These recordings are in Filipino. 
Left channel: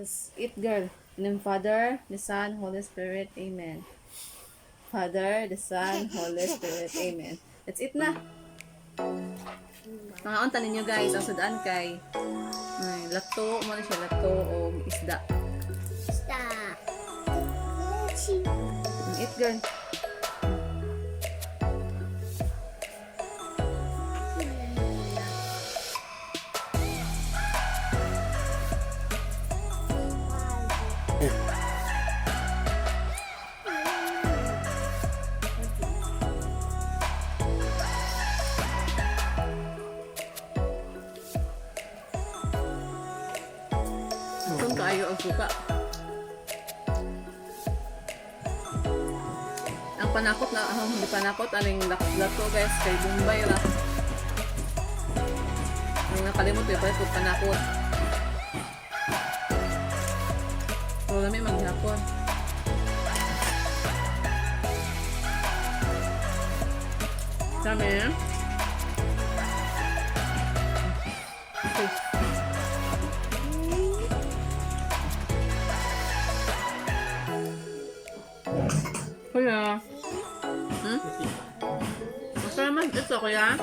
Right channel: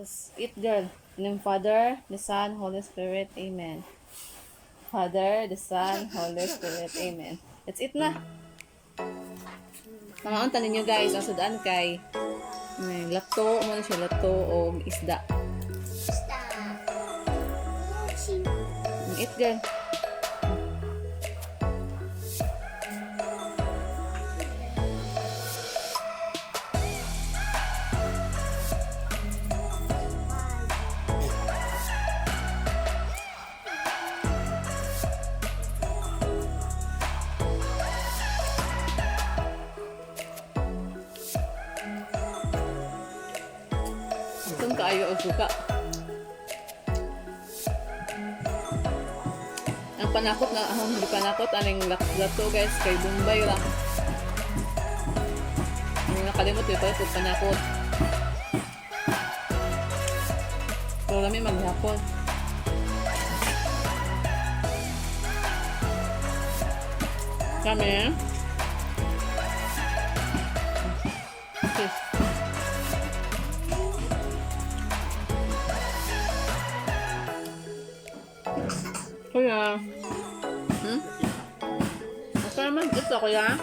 Let's eat, girl. In the name of Father, the Son, Holy Spirit. Amen. Father, the Son, Holy Spirit. Amen. Let's eat na. Mga unta ninyo guys, ang sudan kay lato, mo na siya lato o isda. Eat, girl. Kung kaayo ang suka. Ang panakot na, hindi panakot, aling lato guys, kay Bombay ra. Ang nakalimot ito, ito panakot. So, kami maghapon. Kami. Okay. Kuya. Masaya naman ito, kuya.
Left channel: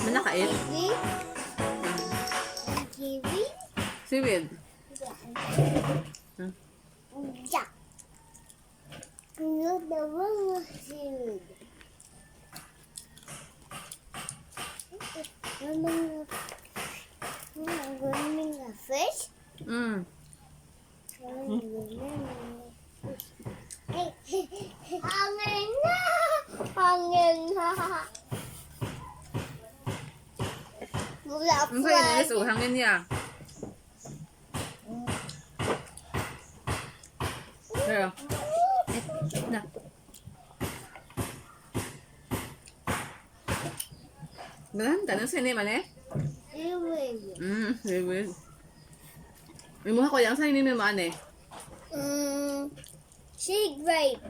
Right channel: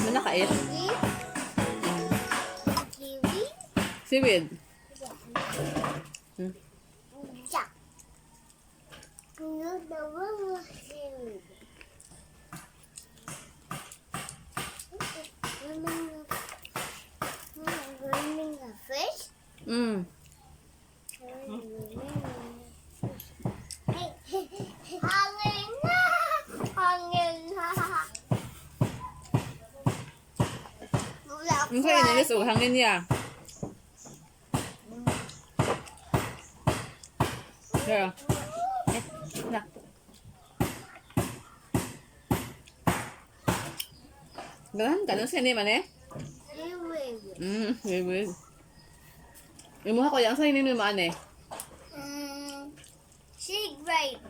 May nakait? Seaweed. Yeah. You the one was seaweed. Running a fish? Hey, hangin na! Hangin na! Wala Ang kaya nilis, hangin niya. Pero, na. Ganahan ka ng siniman eh? seaweed. Seaweed. Imuha ko yung sa ininumaan eh. Sea grape.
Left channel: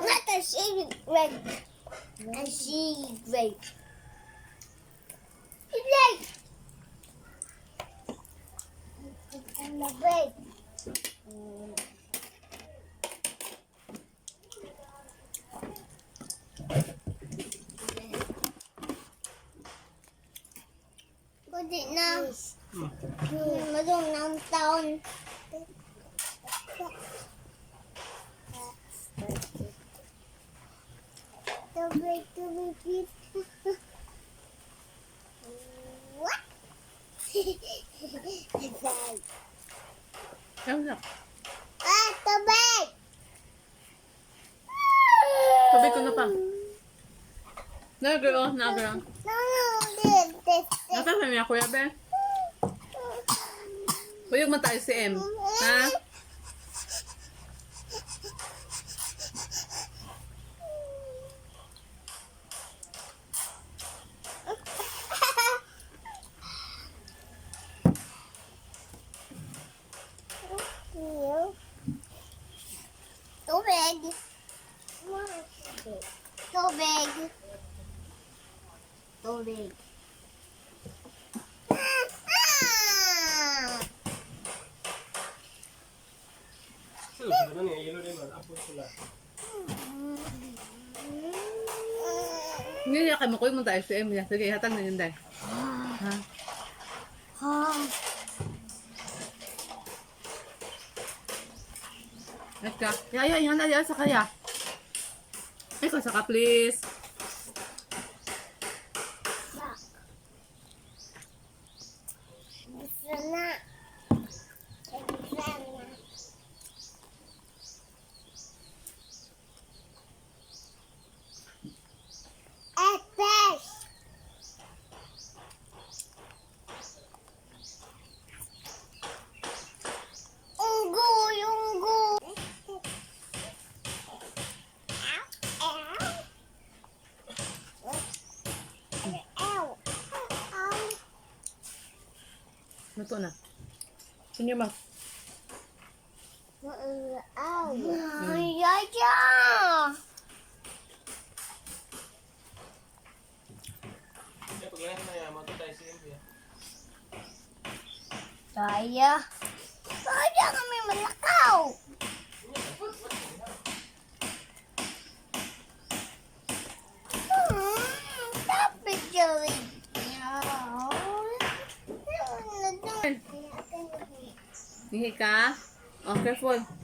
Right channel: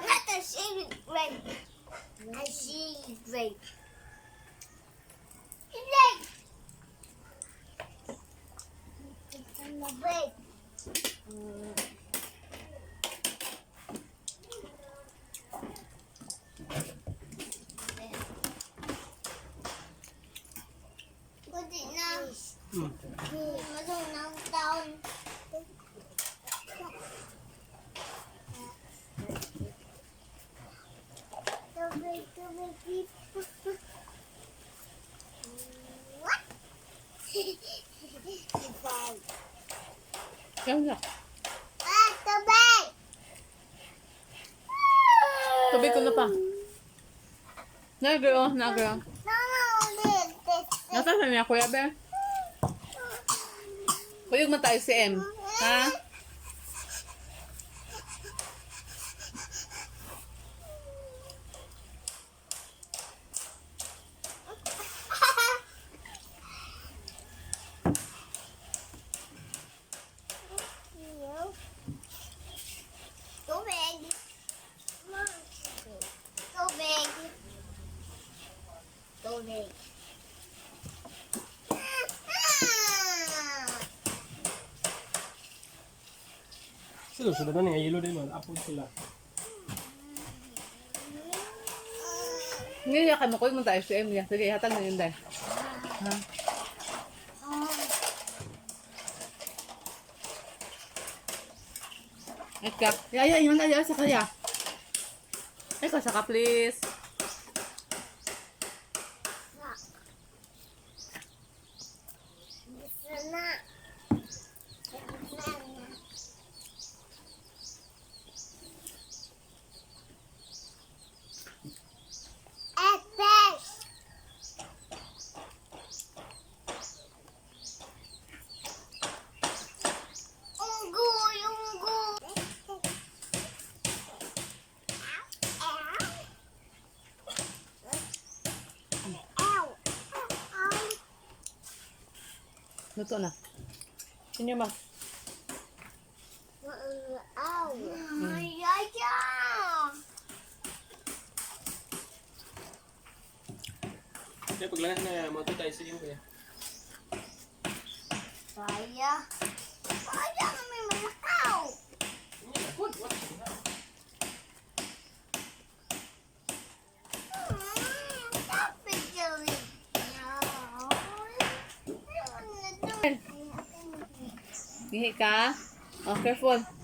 Not a sea grape. A sea grape. It's like it's on the grape. Put it now. Madung down. What? Yan na. Tubig! Tubig ko na pa. Nagro, nagro. This. Nasa sa niya, kuya be? Kuyog man tayo si M. Ha? Tubig. Tubig. Tubig. Sudah na nga yelo din man apo sila. Hindi niya kayo kuyog man tayo si M. Sige, hatan na yun dahil. Ha? Ay ka. Ya, ihan aja sa kaya. Ay ka, saka please. Sana. Fish. Unggoy. Luto na. In your mouth. Ow. Ay, paglangan na mga tayo sa iyo. Saya. Saya kami malakaw. Tapi jelly. Gihi ka? Oh, careful.